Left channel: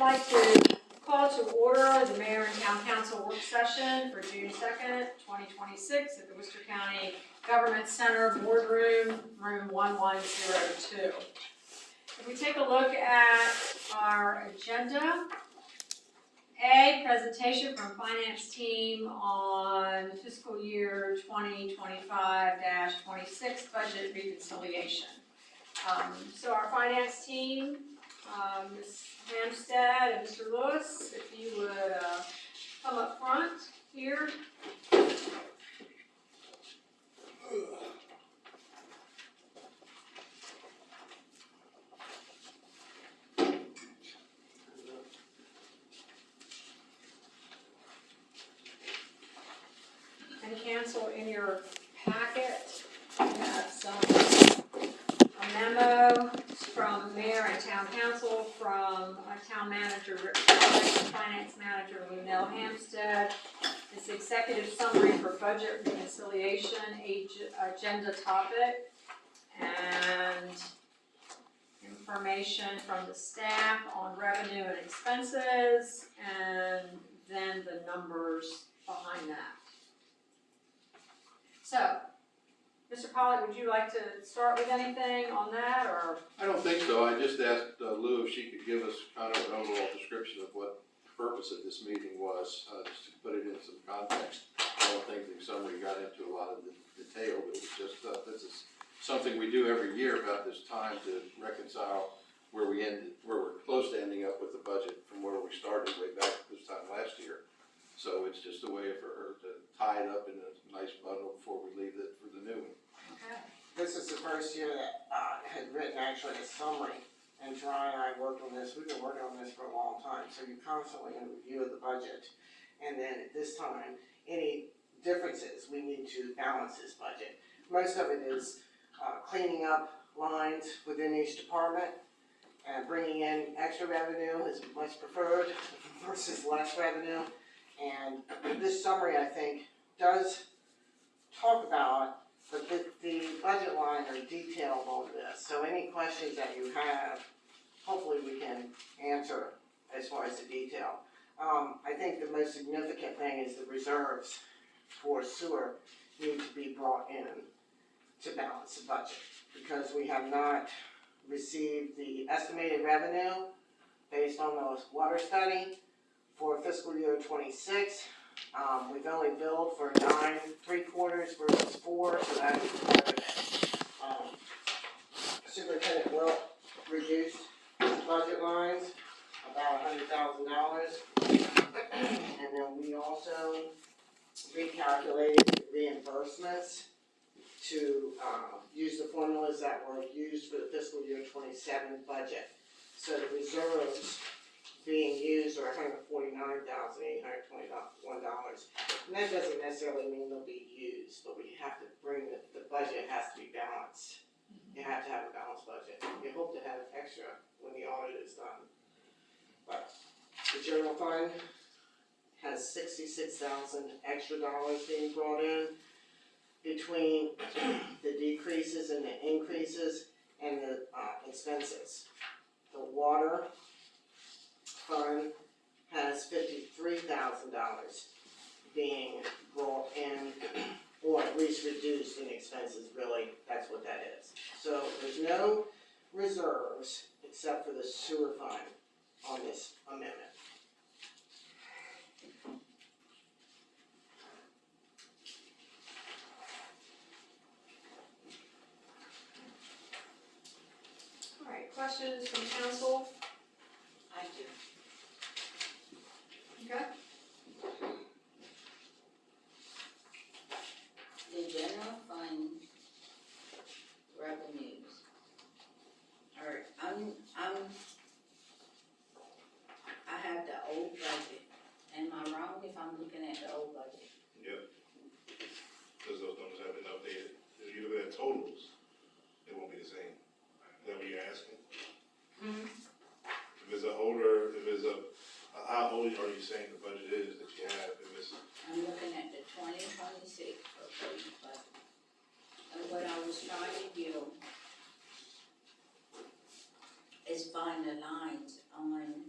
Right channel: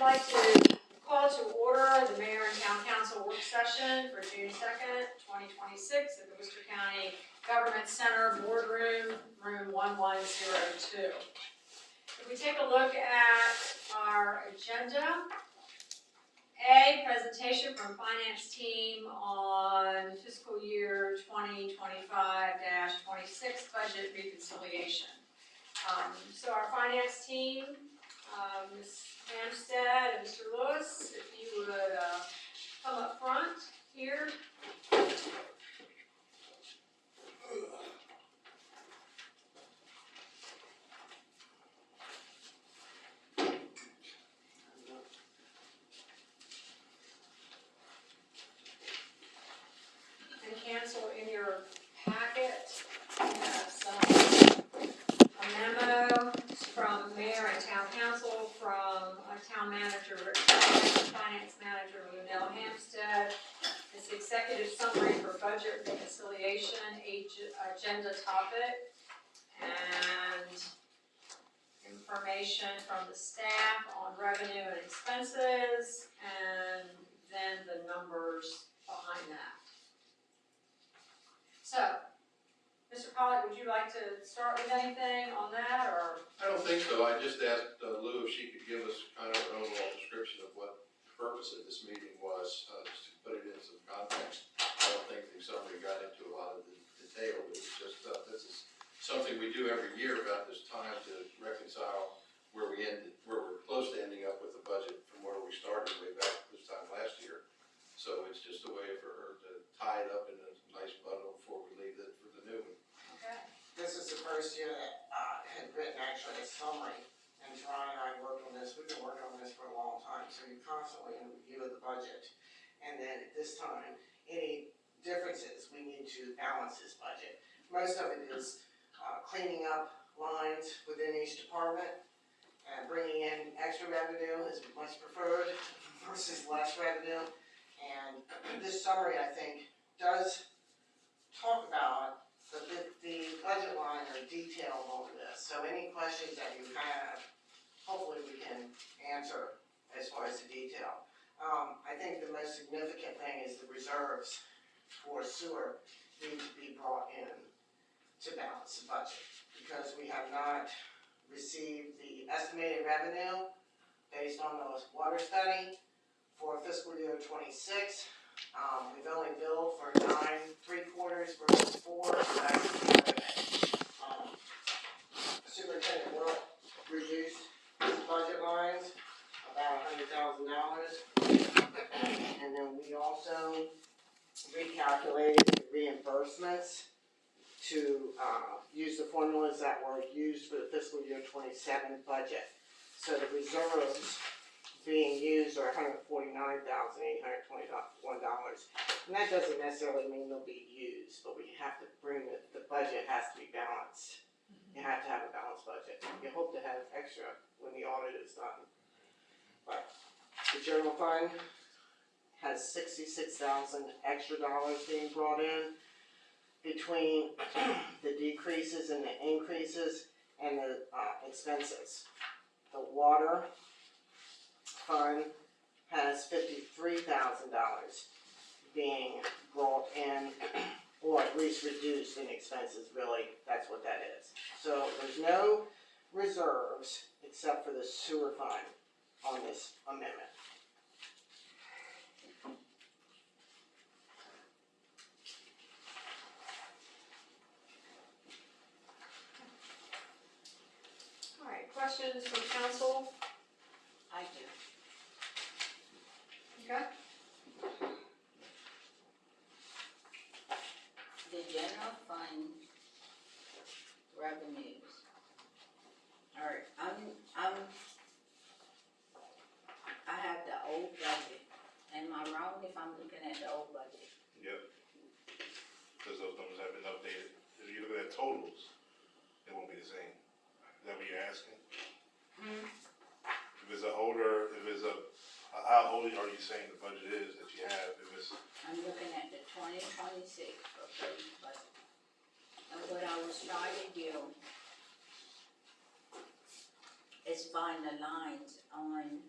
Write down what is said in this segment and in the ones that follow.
I'd like to call to order the Mayor and Town Council work session for June 2nd, 2026 at the Worcester County Government Center Boardroom, room 1102. If we take a look at our agenda, A, presentation from Finance Team on fiscal year 2025-26 budget reconciliation. So our Finance Team, Ms. Hampstead and Mr. Lewis, if you would come up front here. And cancel in your packet, we have a memo from Mayor and Town Council, from Town Manager Rick Price, Finance Manager Lunell Hampstead. It's the executive summary for budget reconciliation, agenda topic, and information from the staff on revenue and expenses, and then the numbers behind that. So, Mr. Pollock, would you like to start with anything on that, or? I don't think so. I just asked Lou if she could give us kind of an overall description of what the purpose of this meeting was, just to put it in some context. I don't think the summary got into a lot of the detail, but it's just, this is something we do every year about this time to reconcile where we're close to ending up with the budget from where we started way back this time last year. So it's just a way for her to tie it up in a nice bundle before we leave it for the new one. Okay. This is the first year that I had written actually a summary, and Troy and I worked on this. We've been working on this for a long time, so you're constantly in review of the budget. And then at this time, any differences, we need to balance this budget. Most of it is cleaning up lines within each department, and bringing in extra revenue is much preferred versus less revenue. And this summary, I think, does talk about the budget line or detail on this. So any questions that you have, hopefully we can answer as far as the detail. I think the most significant thing is the reserves for sewer need to be brought in to balance the budget, because we have not received the estimated revenue based on the water study for fiscal year 26. We've only billed for 9 3/4 versus 4, so that's part of it. Superintendent Wilt reduced his budget lines about $100,000, and then we also recalculated the reimbursements to use the formulas that were used for the fiscal year 27 budget. So the reserves being used are $149,821, and that doesn't necessarily mean they'll be used, but we have to bring the budget has to be balanced. You have to have a balanced budget. You hope to have extra when the audit is done. But the general fund has $66,000 extra dollars being brought in between the decreases and the increases and the expenses. The water fund has $53,000 being brought in, or at least reduced in expenses, really, that's what that is. So there's no reserves except for the sewer fund on this amendment. All right, questions from council? I do. Okay. The general fund revenues are, I have the old budget. Am I wrong if I'm looking at the old budget? Yep. Because those numbers have been updated. If you look at totals, it won't be the same. Is that what you're asking? If it's how old are you saying the budget is that you have? If it's, I'm looking at the 2026 proposed budget. And what I was trying to do is find the lines on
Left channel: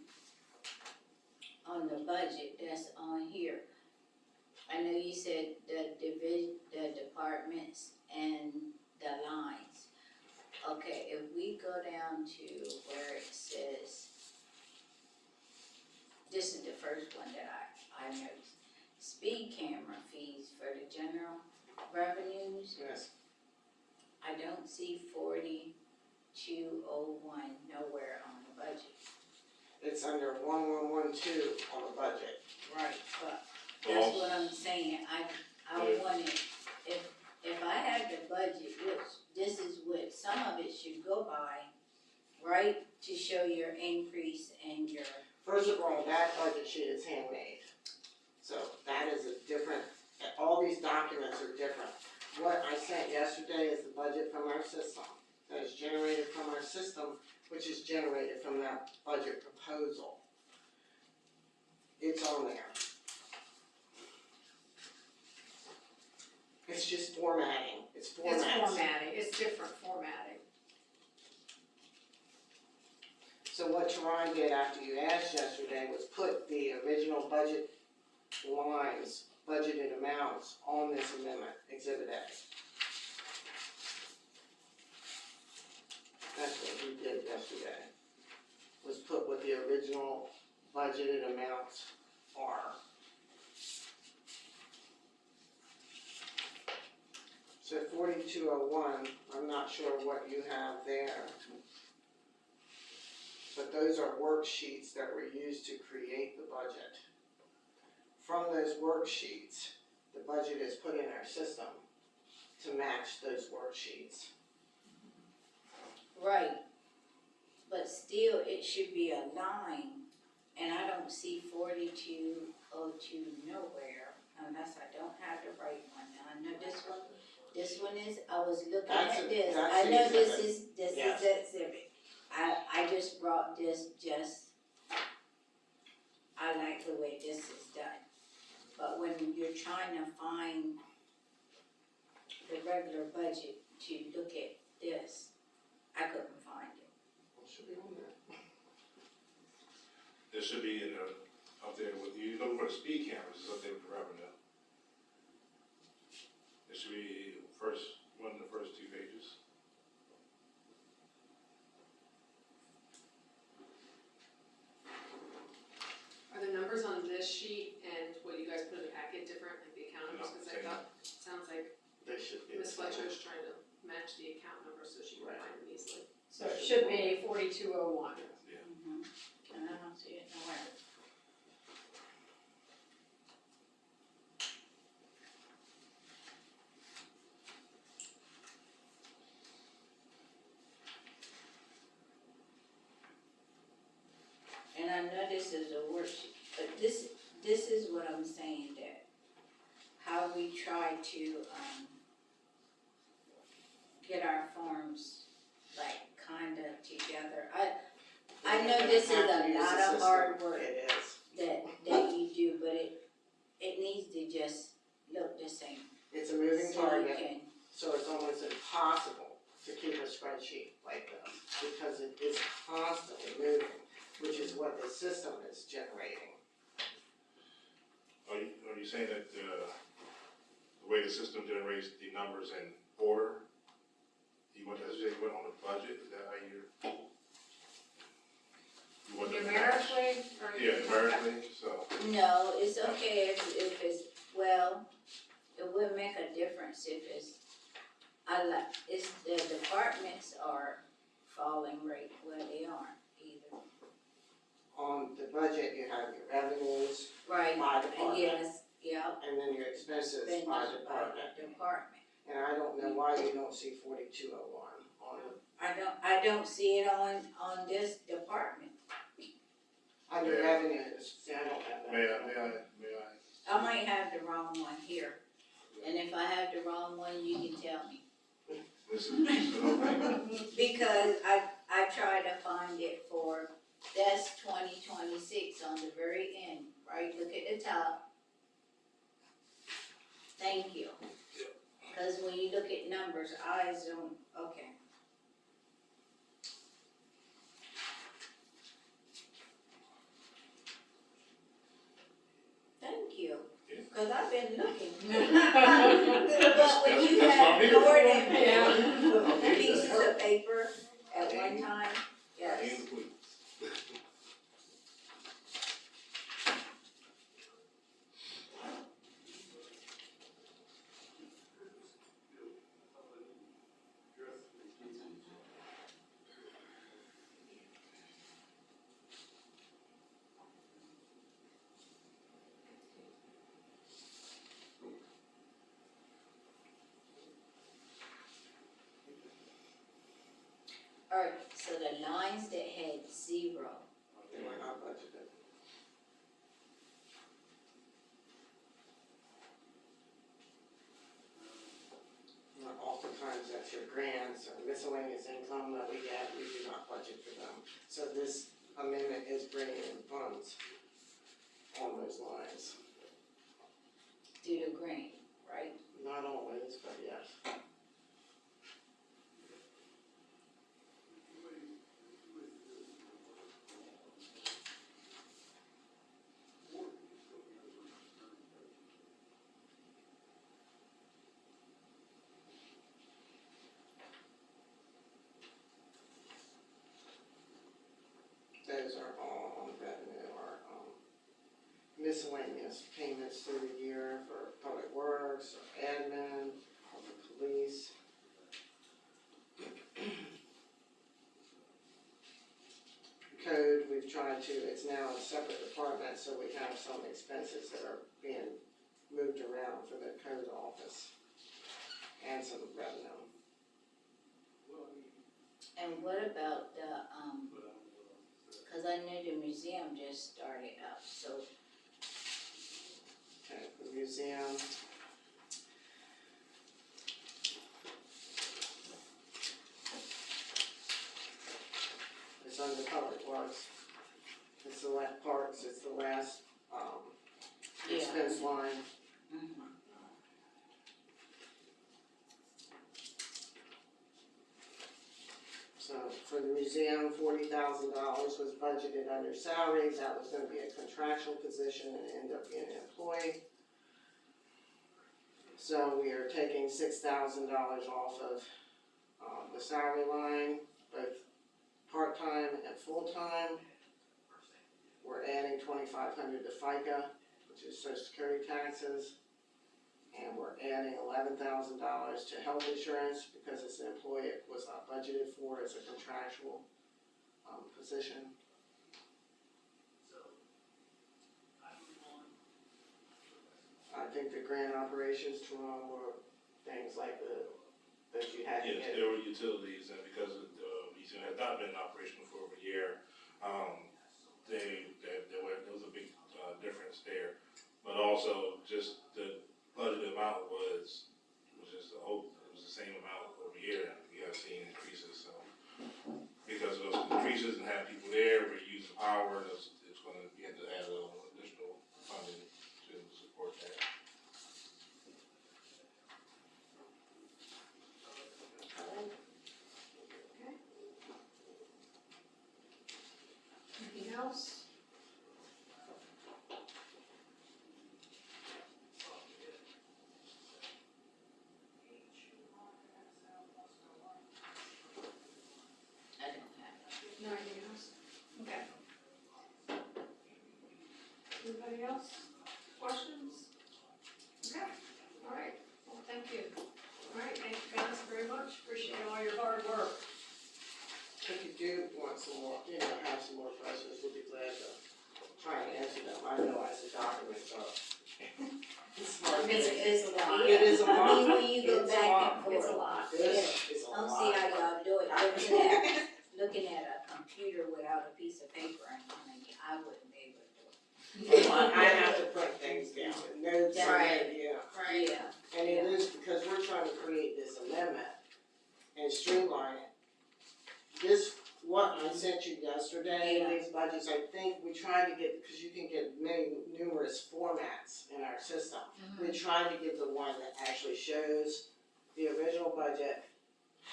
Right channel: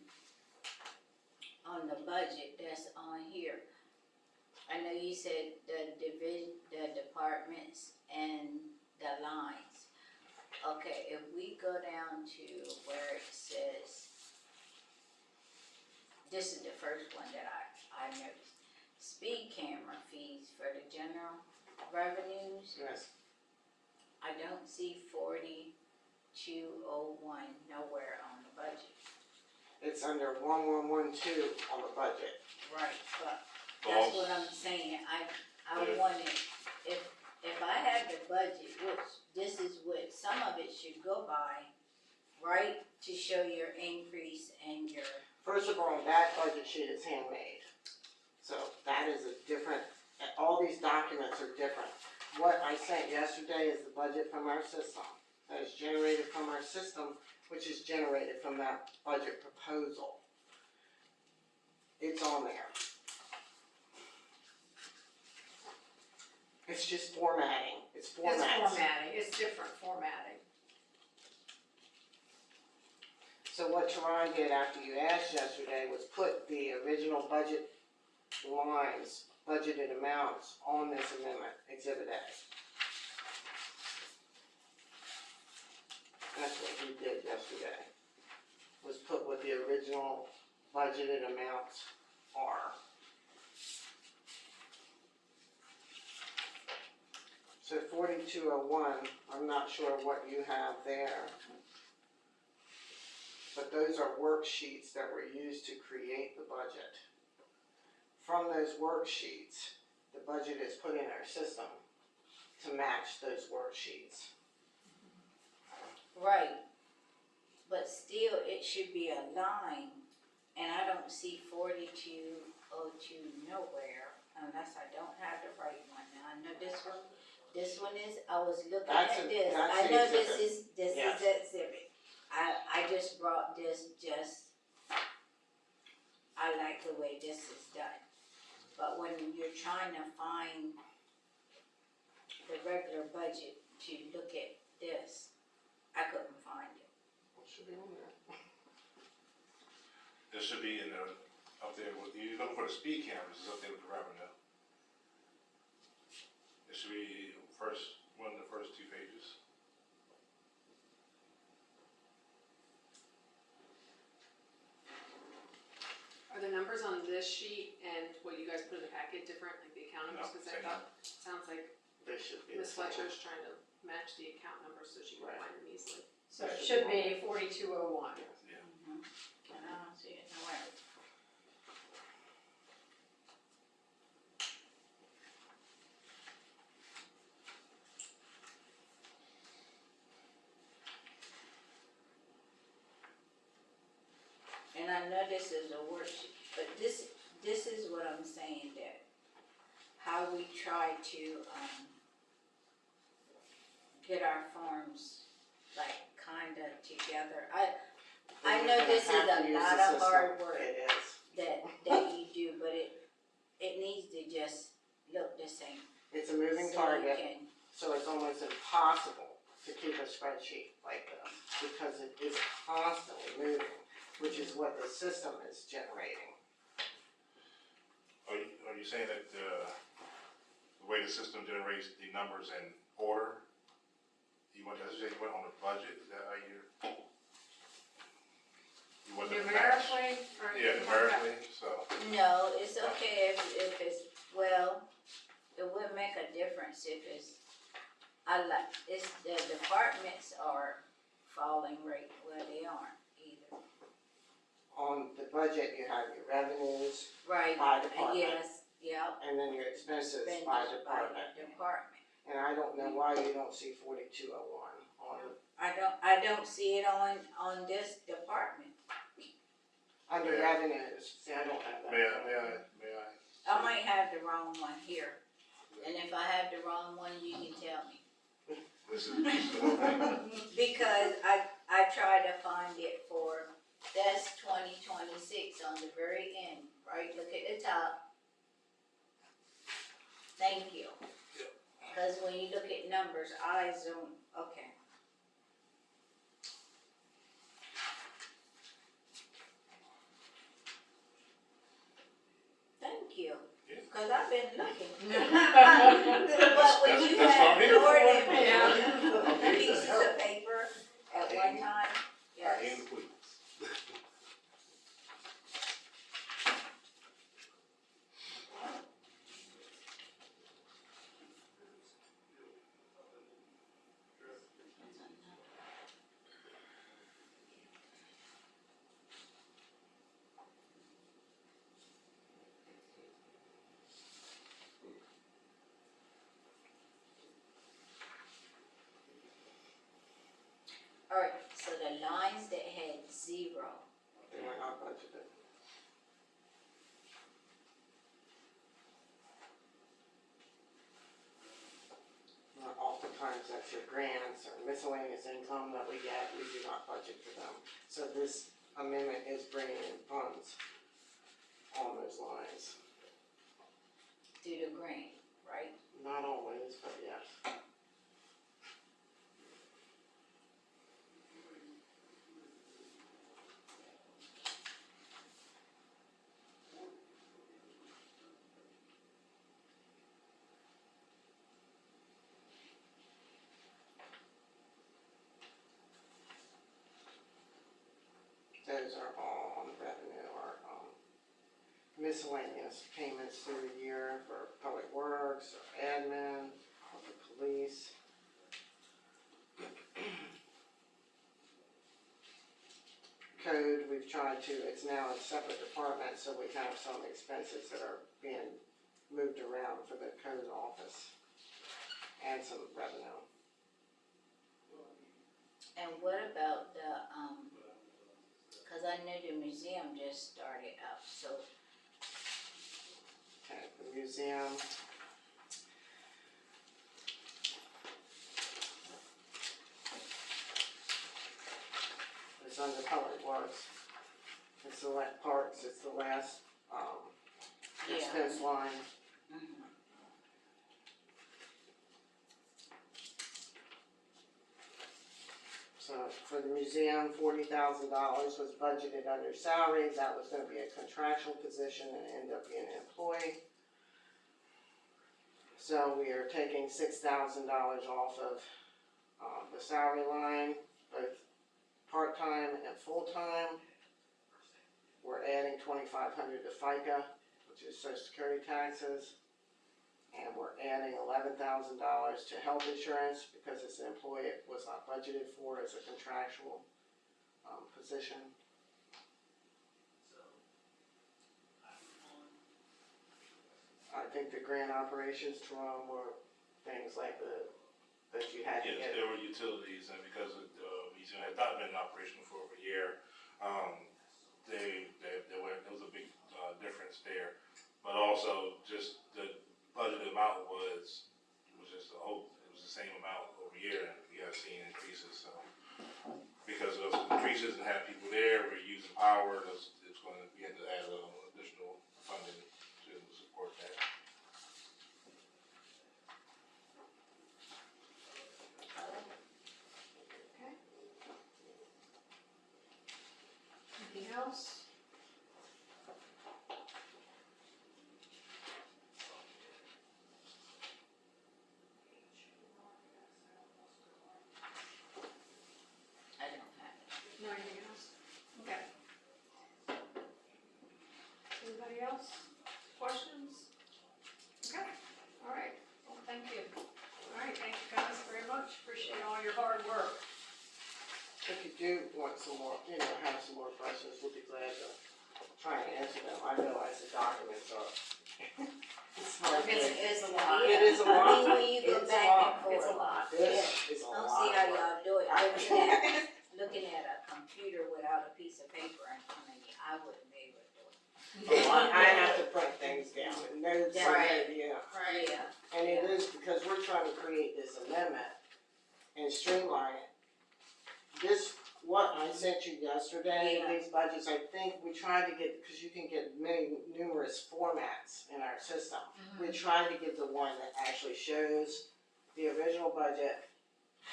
budget that's on here. I know you said the departments and the lines. Okay, if we go down to where it says, this is the first one that I noticed. Speed camera fees for the general revenues, Yes, I don't see 4201 nowhere on the budget. it's under 1112 on the budget. Right. But that's what I'm saying, I wanted, if I had the budget, which this is what some of it should go by, right? To show your increase and your, First of all, that budget sheet is handmade. So that is a different, all these documents are different. What I sent yesterday is the budget from our system, that is generated from our system, which is generated from that budget proposal. It's on there. It's just formatting, it's It's formatting. formatting, it's different formatting. So what Teron did after you asked yesterday was put the original budget lines, budgeted amounts on this amendment, Exhibit A. That's what he did yesterday, was put what the original budgeted amounts are. So 4201, I'm not sure what you have there. But those are worksheets that were used to create the budget. From those worksheets, the budget is put in our system to match those worksheets. right. But still, it should be a line, and I don't see 4202 nowhere, unless I don't have the right one. Now, I know this one is, I was looking That's at a- this, that's I the know this exhibit. is Yes. exhibit. I just brought this I like the way this is done. But when you're trying to find the regular budget to look at this, I couldn't find it. It should be on there. It should be in the, up there with, you look for the speed cameras, it's up there with the revenue. It should be one of the first two pages. Are the numbers on this sheet and what you guys put in the packet different, like the account numbers? No, Cause I same. thought, sounds like They should be. Ms. Fletcher's trying to match the account numbers so she can Right. find them easily. So it should be 4201. Yeah. Mm-hmm. And I don't see it nowhere. And I know this is a worksheet, but this is what I'm saying, that how we try to, get our forms, like, kinda together. I know this is Have to a use the lot of system. hard work It is. that you do, but it needs to just look the same. It's a moving So you target, can, so it's almost impossible to keep a spreadsheet like this because it is constantly moving, which is what the system is generating. Are you saying that, the way the system generates the numbers in order, you went on the budget, is that how you want to match? Numerically, or? Yeah, numerically, so, no, it's okay if it's, well, it would make a difference if it's, it's, the departments are falling right where they aren't either. On the budget, you have your revenues Right, by I department, guess, yeah. and then your expenses by Expenditures department. Department. And I don't know why you don't see 4201 on, I don't see it on this department. under Yeah. revenues. See, I don't have that. may I? I might have the wrong one here, and if I have the wrong one, you can tell me. This is the whole thing. Because I tried to find it for, that's 2026 on the very end, right, look at the top. Thank you. Cause when you look at numbers, I zoom, okay. cause I've been looking. But That's- when you that's what I'm had here more for. than Yeah. pieces of paper at one time, yes. And please. Alright, so the lines that had zero, They were not budgeted. Oftentimes that's your grants or miscellaneous income that we get, we do not budget for them. So this amendment is bringing in funds on those lines. due to grant, right? Not always, but yes. Those are all on revenue or, miscellaneous payments through the year for public works, or admin, or the police. Code, we've tried to, it's now a separate department, so we have some expenses that are being moved around for the code office. And some revenue. And what about the, cause I knew the museum just started up, so Okay, the museum. It's under public works. It's the parks, it's the last, yeah. expense line. Mhm. So for the museum, $40,000 was budgeted under salary. That was gonna be a contractual position and end up being an employee. So we are taking $6,000 off of, the salary line, both part-time and full-time. We're adding $2,500 to FICA, which is social security taxes. And we're adding $11,000 to health insurance because it's an employee it was not budgeted for as a contractual, position. I think the grant operations, Jerome, were things like that you had to Yes, get. there were utilities, and because the museum had not been in operation for over a year, there was a big, difference there. But also, just the budgeted amount was just it was the same amount over a year, and we have seen increases, so. Because of those increases and having people there, we're using power, it's gonna, we had to add a little additional funding to support that. Anything else? I don't have that. No, anything else? Okay. Anybody else? Questions? Okay, all right, well, thank you. All right, thank you guys very much, appreciate all your hard work. If you do want some more, have some more questions, we'll be glad to try and answer them. I realize the documents are, it's hard. It's a lot. It is a lot. I mean, when you go It's a back lot. and forth. It's a lot. This is a I don't lot. see how of work. y'all do it, looking at a computer without a piece of paper in front of me, I wouldn't be able to do it. I have to print things down, and notes, Right. and, Yeah, and it is because we're trying to create this amendment and streamline it. This, what I sent you yesterday, Yeah. these budgets, I think we tried to get, because you can get numerous formats in our system. We tried to get the one that actually shows the original budget,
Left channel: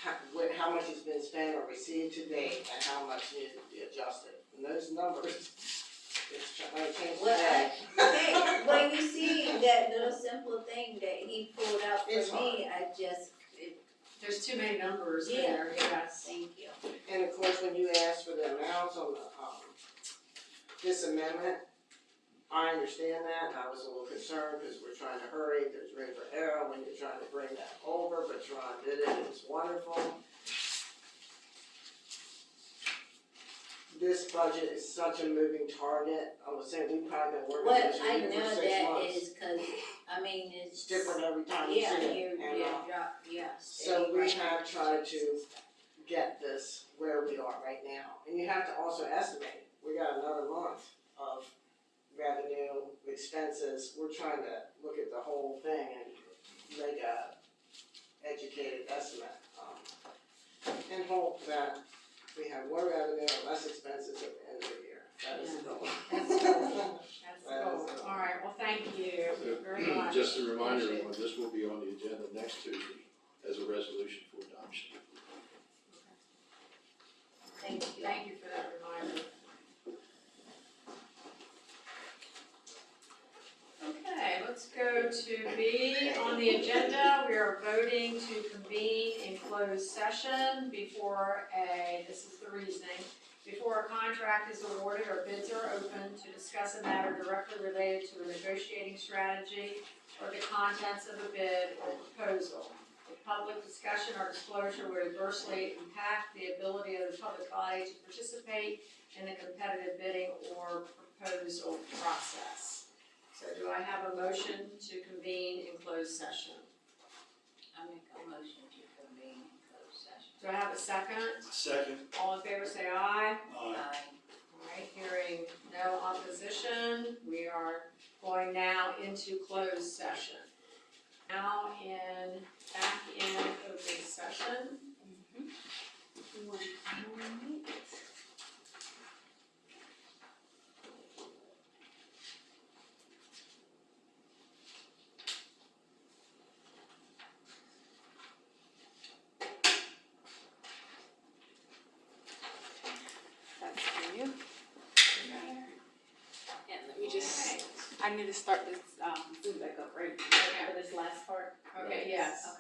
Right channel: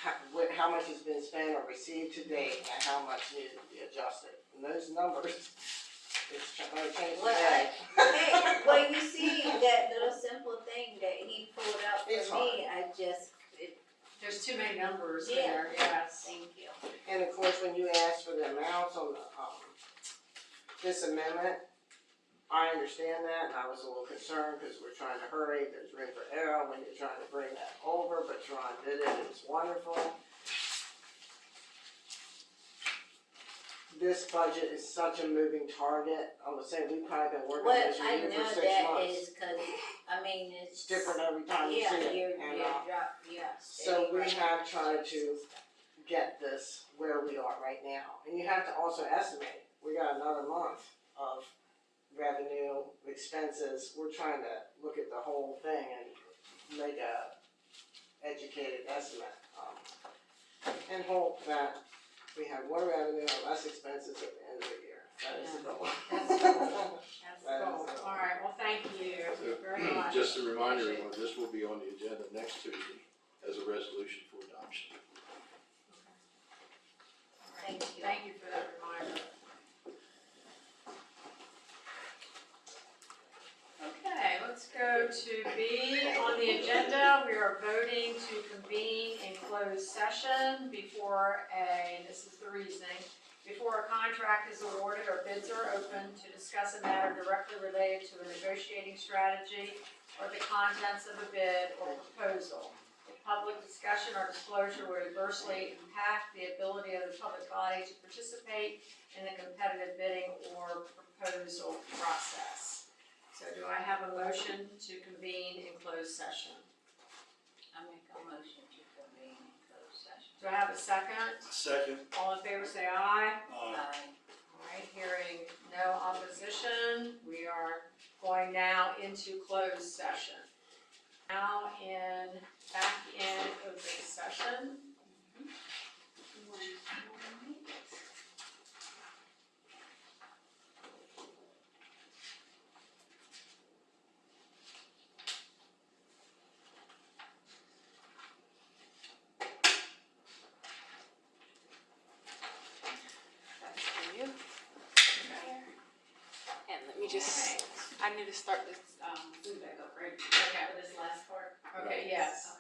how much has been spent or received to date, and how much needed to be adjusted. And those numbers, it's gonna change Well, today. hey, well, you see, that little simple thing that he pulled out It's for me, I just, There's too many numbers Yeah. there, yes. thank you. And of course, when you ask for the amounts on the, this amendment, I understand that, and I was a little concerned, because we're trying to hurry, there's room for error when you're trying to bring that over, but Ron did it, it's wonderful. This budget is such a moving target, I was saying, we've probably been working on What this I meeting know for 6 that months. is 'cause, I mean, it's. It's different every time you Yeah, see it, and, yes. so we have tried to get this where we are right now. And you have to also estimate, we got another month of revenue, expenses, we're trying to look at the whole thing and make a educated estimate. And hope that we have more revenue and less expenses at the end of the year. That is the goal. That's the goal. That's the goal. All right, well, thank you very much. Just a reminder, Appreciate it. everyone, this will be on the agenda next Tuesday as a resolution for adoption. Thank you. Thank you for that reminder. Okay, let's go to B on the agenda. We are voting to convene in closed session before this is the reasoning, before a contract is awarded or bids are open to discuss a matter directly related to a negotiating strategy or the contents of a bid or proposal. If public discussion or disclosure would adversely impact the ability of the public body to participate in the competitive bidding or proposal process. So do I have a motion to convene in closed session? I make a motion to convene in closed session. Do I have a second? Second. All in favor say aye. Aye. All right, hearing no opposition, we are going now into closed session. Now back in open session. That's for you. And let me just, I need to start this, food back up, right? Okay. For this last part. Okay, yes. Okay.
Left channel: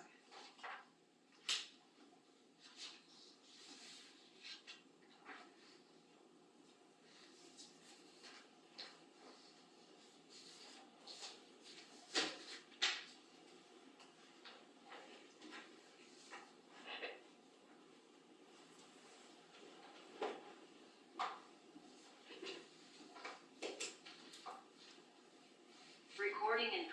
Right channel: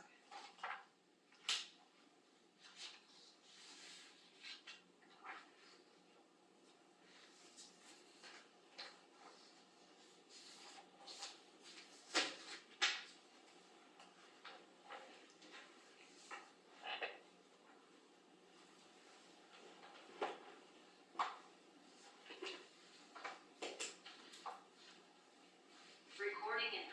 Recording in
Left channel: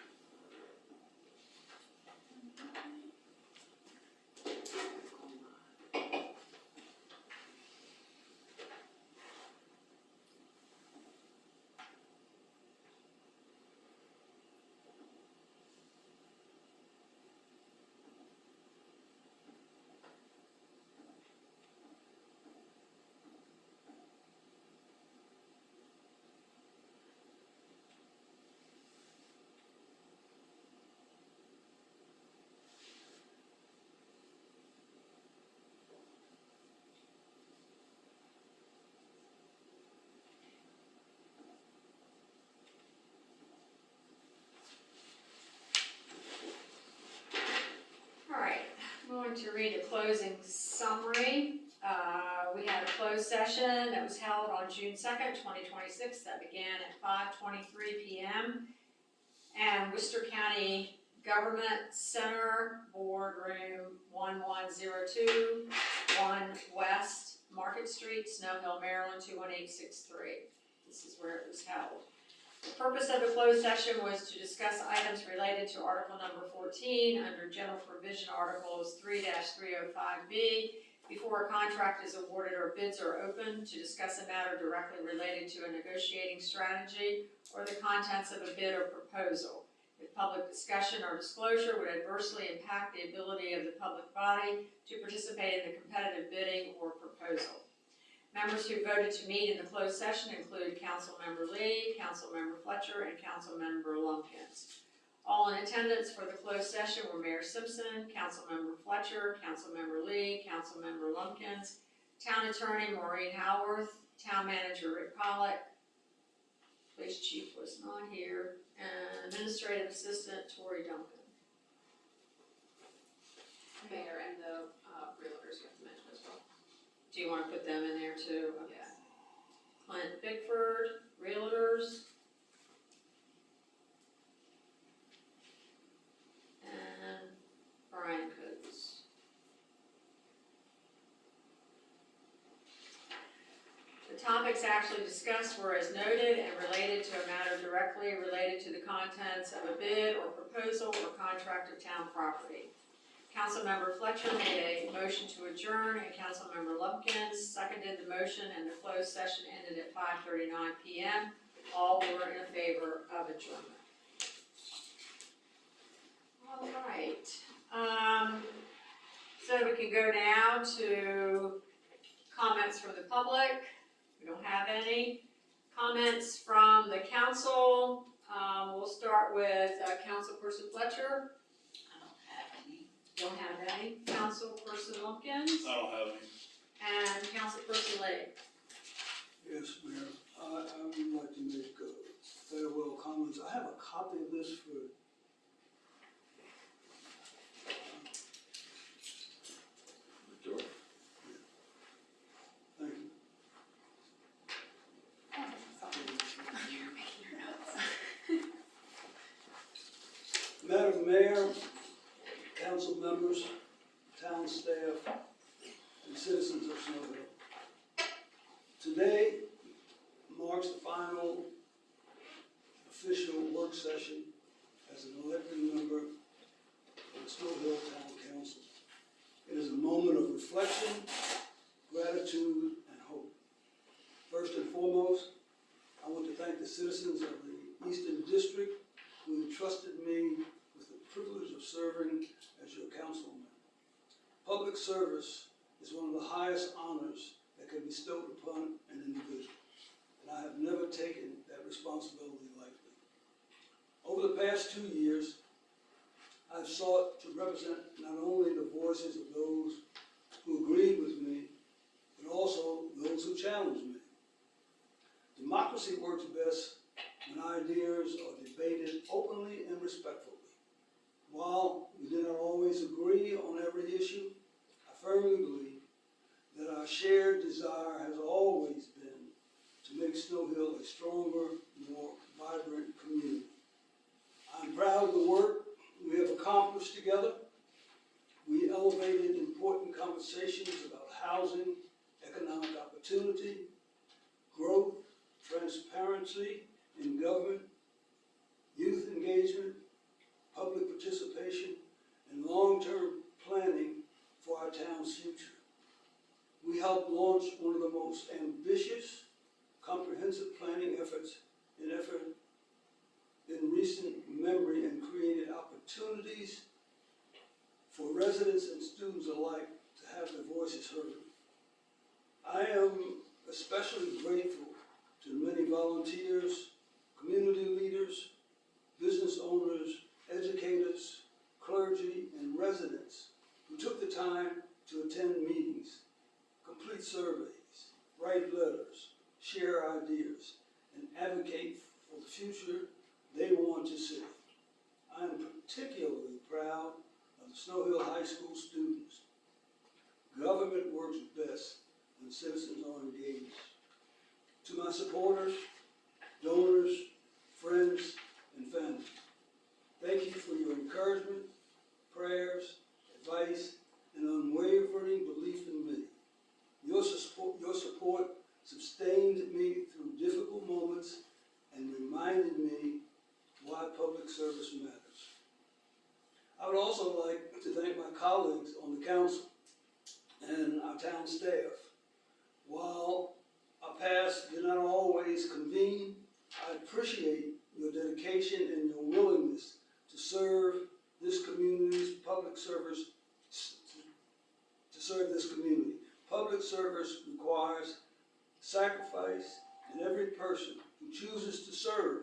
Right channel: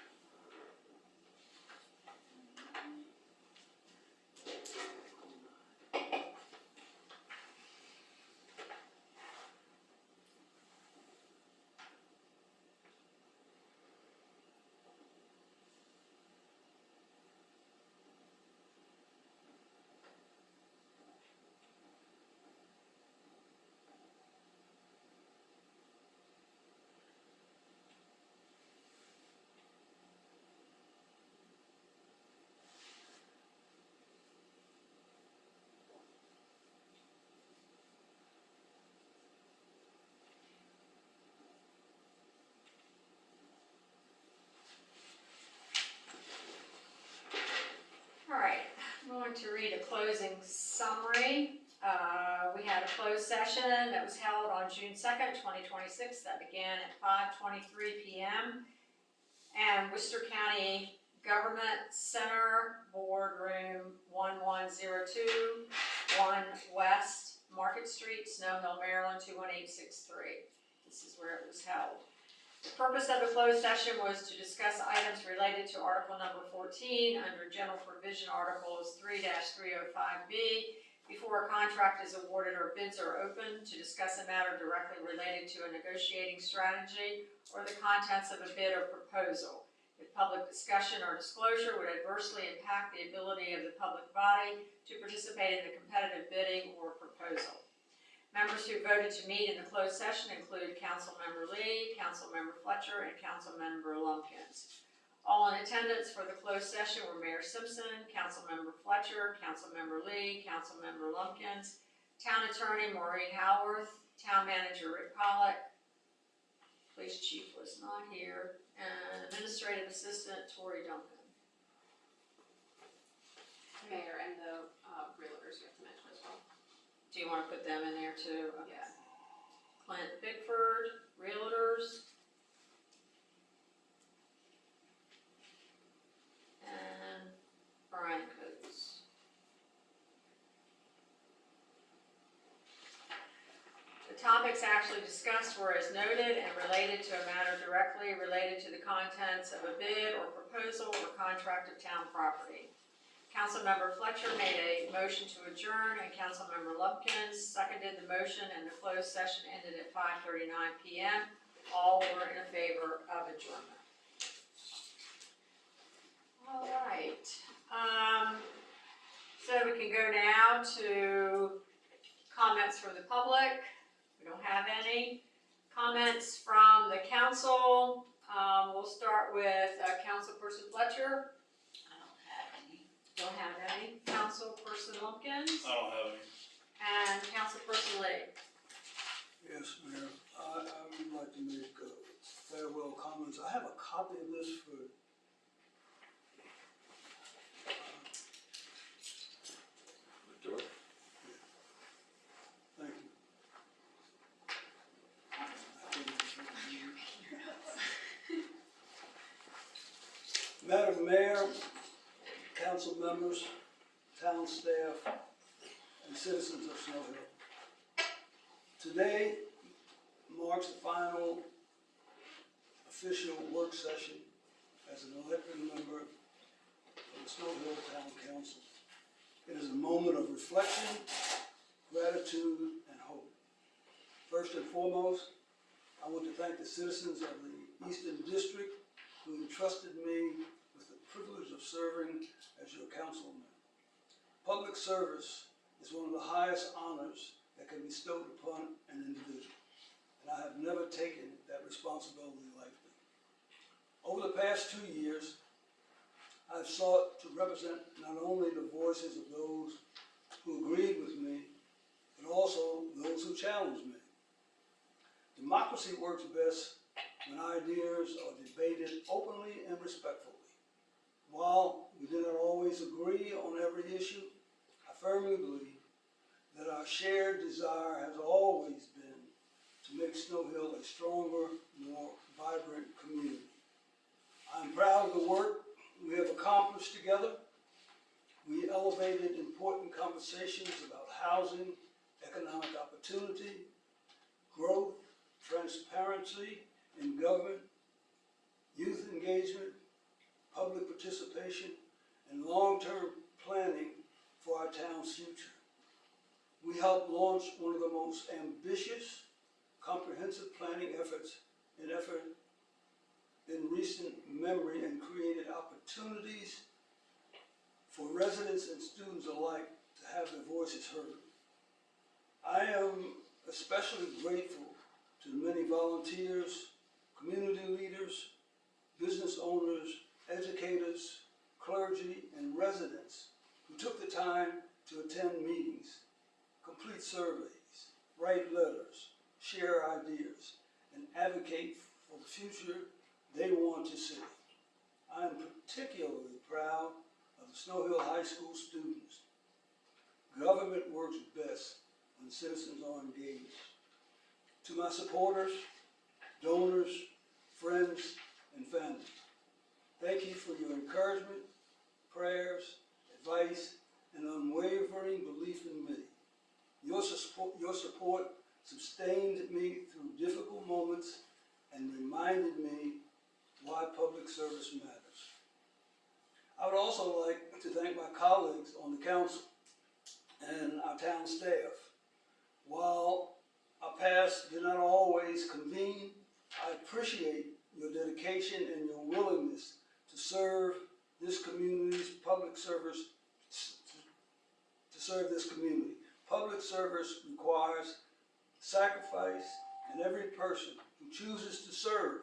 to read a closing summary. We had a closed session that was held on June 2nd, 2026, that began at 5:23 p.m. And Worcester County Government Center, Boardroom 1102, 1 West Market Street, Snow Hill, Maryland 21863. This is where it was held. The purpose of the closed session was to discuss items related to Article Number 14 under General Provision Articles 3-305B before a contract is awarded or bids are open, to discuss a matter directly related to a negotiating strategy or the contents of a bid or proposal. If public discussion or disclosure would adversely impact the ability of the public body to participate in the competitive bidding or proposal. Members who voted to meet in the closed session include Councilmember Lee, Councilmember Fletcher, and Councilmember Lumpkins. All in attendance for the closed session were Mayor Simpson, Councilmember Fletcher, Councilmember Lee, Councilmember Lumpkins, Town Attorney Maureen Howarth, Town Manager Rick Pollock, Police chief was not here, and administrative assistant Tori Duncan. Mayor and the, realtors you have to mention as well. Do you wanna put them in there too? Okay. Yeah. Clint Bickford, realtors. And Brian Coates. The topics actually discussed were as noted and related to a matter directly related to the contents of a bid or proposal or contract of town property. Councilmember Fletcher made a motion to adjourn, and Councilmember Lumpkins seconded the motion, and the closed session ended at 5:39 PM. All were in favor of adjournment. All right, so we can go now to comments from the public. We don't have any. Comments from the council, we'll start with Councilperson Fletcher. I don't have any. Don't have any. Councilperson Lumpkins I don't have any. and Councilperson Lee. Yes, Mayor, I would like to make farewell comments. I have a copy of this for thank you. Madam Mayor, council members, town staff, and citizens of Snow Hill. Today marks the final official work session as an elected member of the Snow Hill Town Council. It is a moment of reflection, gratitude, and hope. First and foremost, I want to thank the citizens of the Eastern District who entrusted me with the privilege of serving as your councilman. Public service is one of the highest honors that can be bestowed upon an individual, and I have never taken that responsibility lightly. Over the past 2 years, I've sought to represent not only the voices of those who agreed with me, but also those who challenged me. Democracy works best when ideas are debated openly and respectfully. While we do not always agree on every issue, I firmly believe that our shared desire has always been to make Snow Hill a stronger, more vibrant community. I'm proud of the work we have accomplished together. We elevated important conversations about housing, economic opportunity, growth, transparency in government, youth engagement, public participation, and long-term planning for our town's future. We helped launch one of the most ambitious, comprehensive planning efforts in recent memory, and created opportunities for residents and students alike to have their voices heard. I am especially grateful to the many volunteers, community leaders, business owners, educators, clergy, and residents who took the time to attend meetings, complete surveys, write letters, share ideas, and advocate for the future they want to see. I am particularly proud of the Snow Hill High School students. Government works best when citizens are engaged. To my supporters, donors, friends, and family, thank you for your encouragement, prayers, advice, and unwavering belief in me. Your support sustained me through difficult moments and reminded me why public service matters. I would also like to thank my colleagues on the council and our town staff. While our paths did not always convene, I appreciate your dedication and your willingness to serve this community's public service, to serve this community. Public service requires sacrifice, and every person who chooses to serve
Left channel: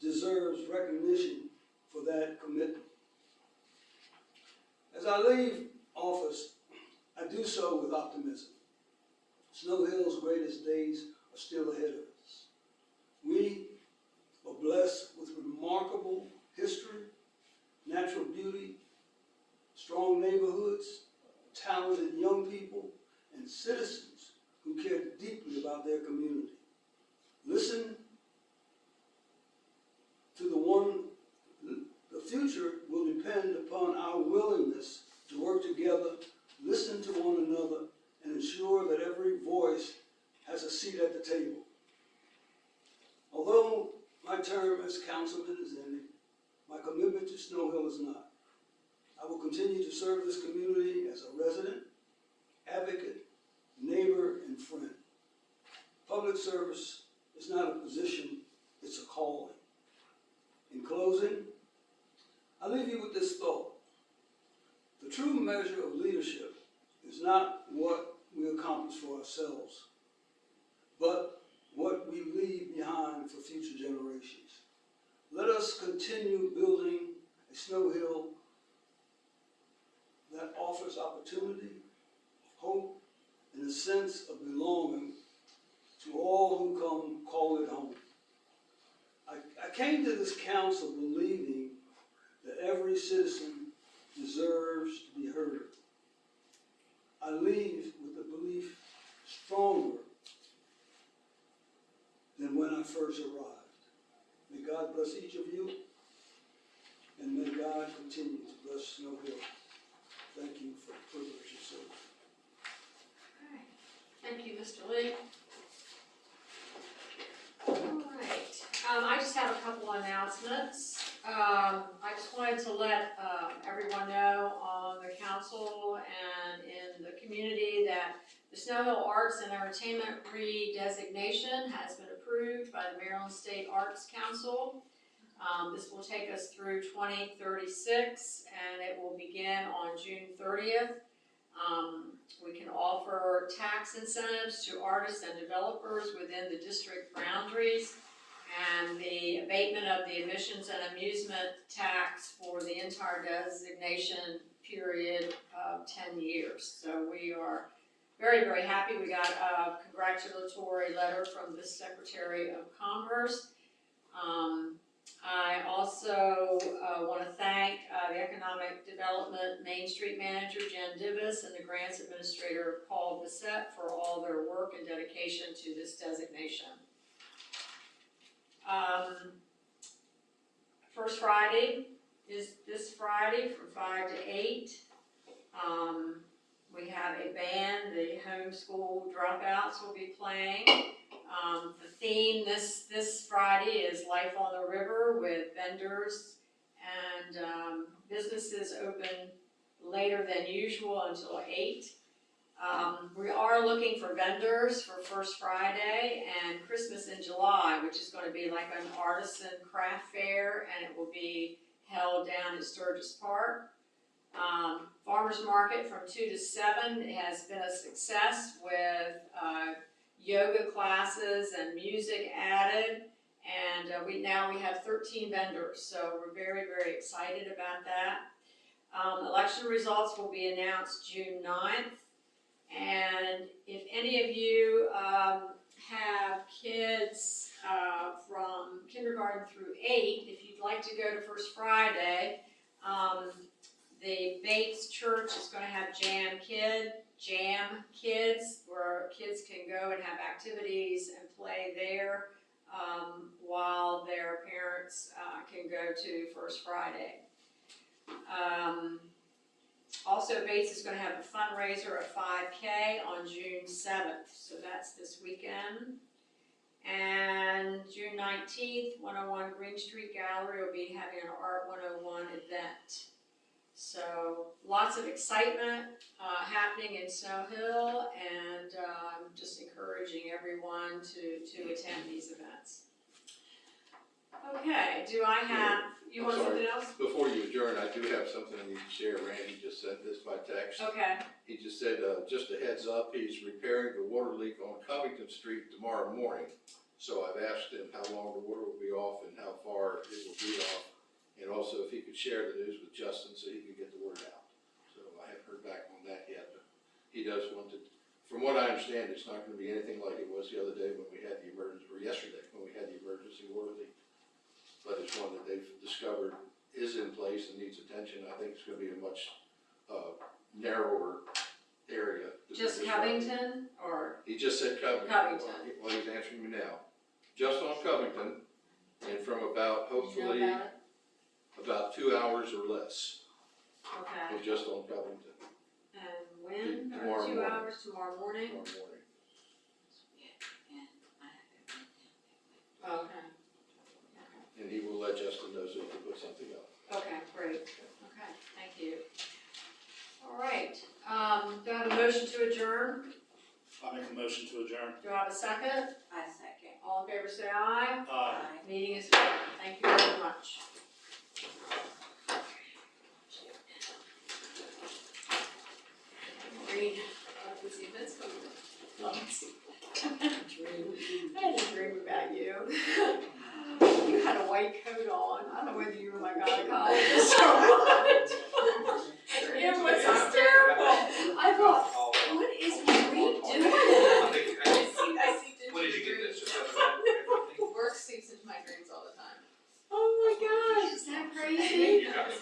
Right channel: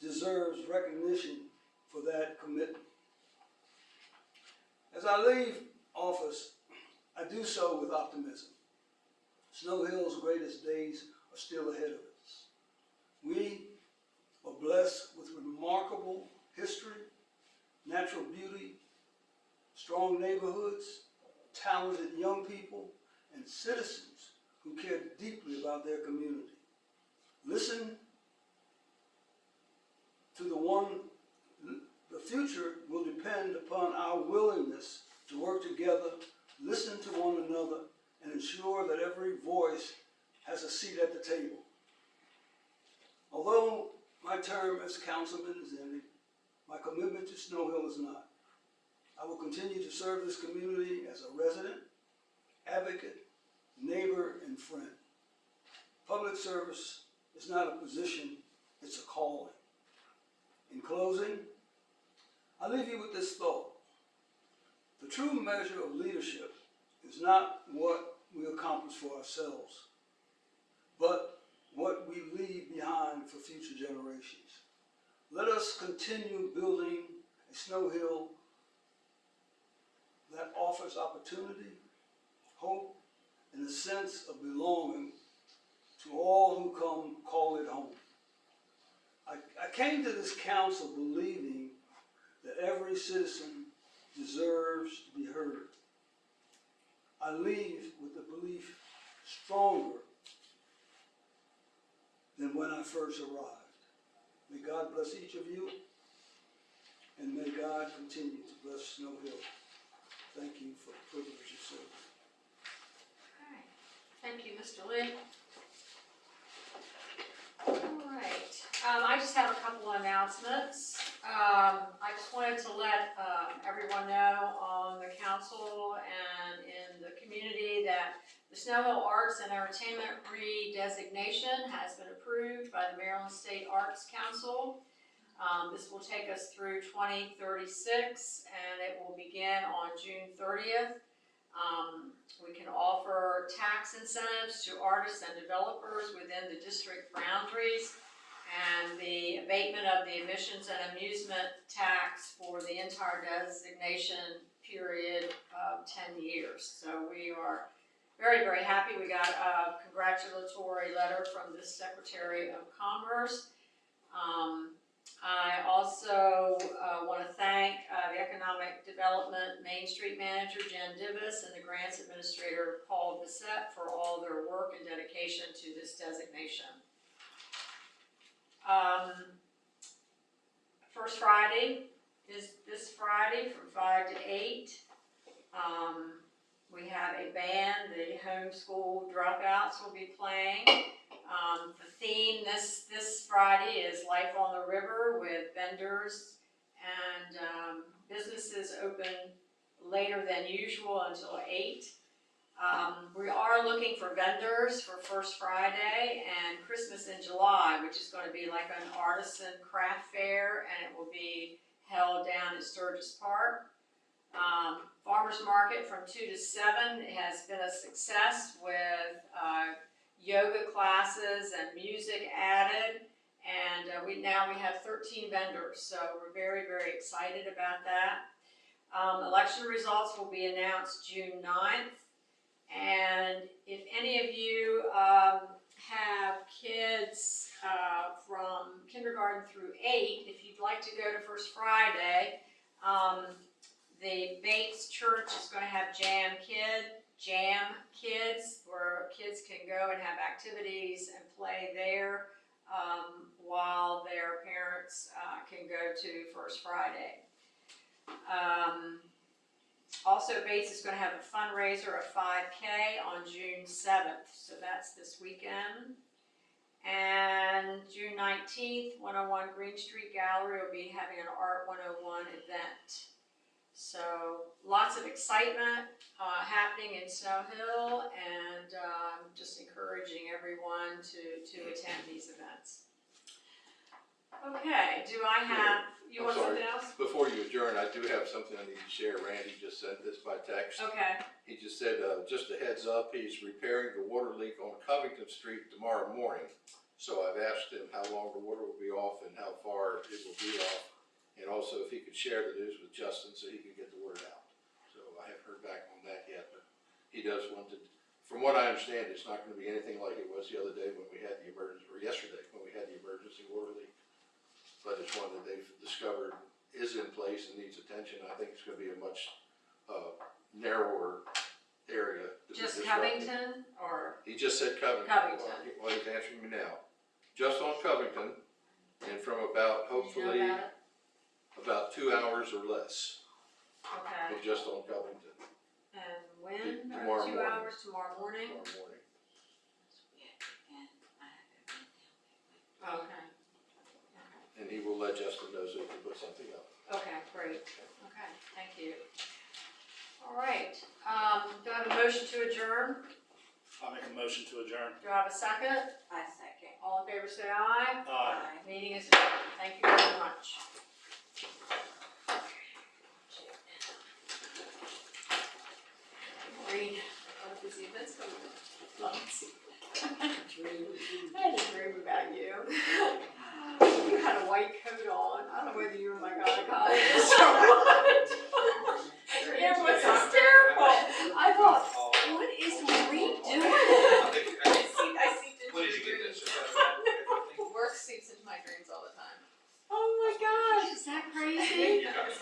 deserves recognition for that commitment. As I leave office, I do so with optimism. Snow Hill's greatest days are still ahead of us. We Although my term as councilman is ending, my commitment to Snow Hill is not. I will continue to serve this community as a resident, advocate, neighbor, and friend. Public service is not a position, it's a calling. In closing, I leave you with this thought. The true measure of leadership is not what we accomplish for ourselves, but what we leave behind for future generations. Let us continue building a Snow Hill that offers opportunity, hope, and a sense of belonging to all who come call it home. I came to this council believing that every citizen deserves to be heard. I leave with the belief stronger than when I first arrived. May God bless each of you, and may God continue to bless Snow Hill. Thank you for the privilege of serving. Okay. Thank you, Mr. Lee. All right, I just have a couple announcements. I just wanted to let everyone know on the council and in the community that the Snow Hill Arts and Entertainment redesignation has been approved by the Maryland State Arts Council. This will take us through 2036, and it will begin on June 30th. We can offer tax incentives to artists and developers within the district boundaries, and the abatement of the admissions and amusement tax for the entire designation period of 10 years. So we are very, very happy. We got a congratulatory letter from the Secretary of Commerce. I also want to thank the Economic Development Main Street Manager, Jen Divis, and the Grants Administrator, Paul Bissett, for all their work and dedication to this designation. First Friday is this Friday from 5 to 8. We have a band, the homeschool dropouts will be playing. The theme this Friday is Life on the River, with vendors and businesses open later than usual until 8. We are looking for vendors for First Friday and Christmas in July, which is going to be like an artisan craft fair, and it will be held down at Sturgis Park. Farmers Market from 2 to 7 has been a success with yoga classes and music added, and we have 13 vendors, so we're very, very excited about that. Election results will be announced June 9th, and if any of you have kids from kindergarten through 8, if you'd like to go to First Friday, the Bates Church is going to have Jam Kids, where kids can go and have activities and play there while their parents can go to First Friday. Also, Bates is going to have a fundraiser at 5K on June 7th, so that's this weekend. And June 19th, 101 Green Street Gallery will be having an Art 101 event. So lots of excitement happening in Snow Hill, and just encouraging everyone to attend these events. Okay, do I have, you want something else? Before you adjourn, I do have something I need to share. Randy just sent this by text. Okay, He just said, just a heads up, he's repairing the water leak on Covington Street tomorrow morning. So I've asked him how long the water will be off and how far it will be off. And also if he could share the news with Justin so he could get the word out. So I haven't heard back on that yet, but he does want to, from what I understand, it's not gonna be anything like it was the other day when we had the emergency, or yesterday when we had the emergency water leak. But it's one that they've discovered is in place and needs attention. I think it's gonna be a much, narrower area. to be just disrupted. Covington, or, He just said Covington. Covington. While he's answering me now. Just on Covington, and from about, do you know hopefully, about it? about 2 hours or less, Okay, was just on Covington and when, Tomorrow or 2 morning. hours, tomorrow morning? tomorrow morning. Okay, Justin knows we can put something up. Okay, great, okay, thank you. All right, do I have a motion to adjourn? I'll make a motion to adjourn. Do I have a second? I second. All in favor, say aye. Aye. Meeting is adjourned, thank you very much. Read, Does the events go? I had a dream about you. You had a white coat on, I don't know whether you were my gynecologist or what. It was hysterical. I thought, what is Reed doing? I seep into When did you get dreams. this? Work seeps into my dreams all the time. Oh my gosh, is that crazy? You got it.